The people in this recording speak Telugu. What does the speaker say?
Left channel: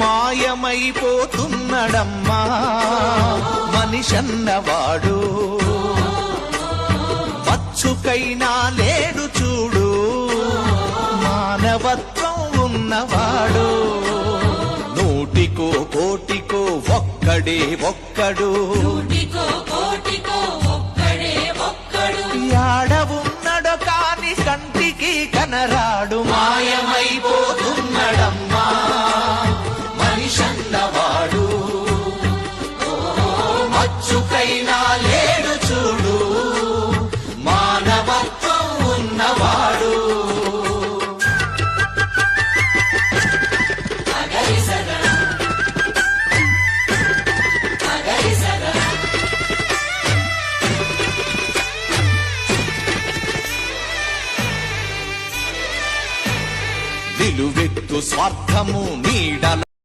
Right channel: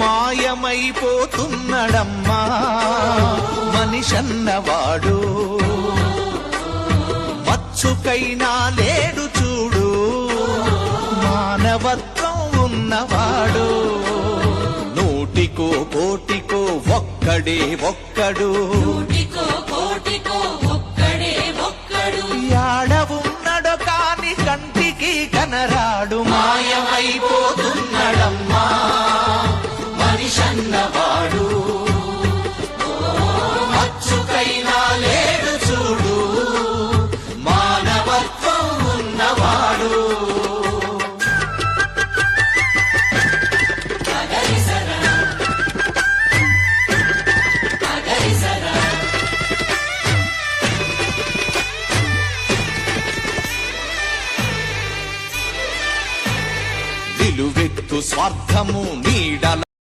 మాయమైపోతున్నడమ్మా మనిషన్నవాడు, మచ్చుకైనా లేడు చూడు మానవత్వం ఉన్నవాడు. నూటికో కోటికో ఒక్కడే ఒక్కడు, యాడ ఉన్నడో కాని కంటికి కనరాడు. మాయమైపోతున్నడమ్మా మనిషన్నవాడు, మచ్చుకైనా లేడు చూడు మానవత్వం ఉన్నవాడు. నిలువెత్తు స్వార్థము నీడల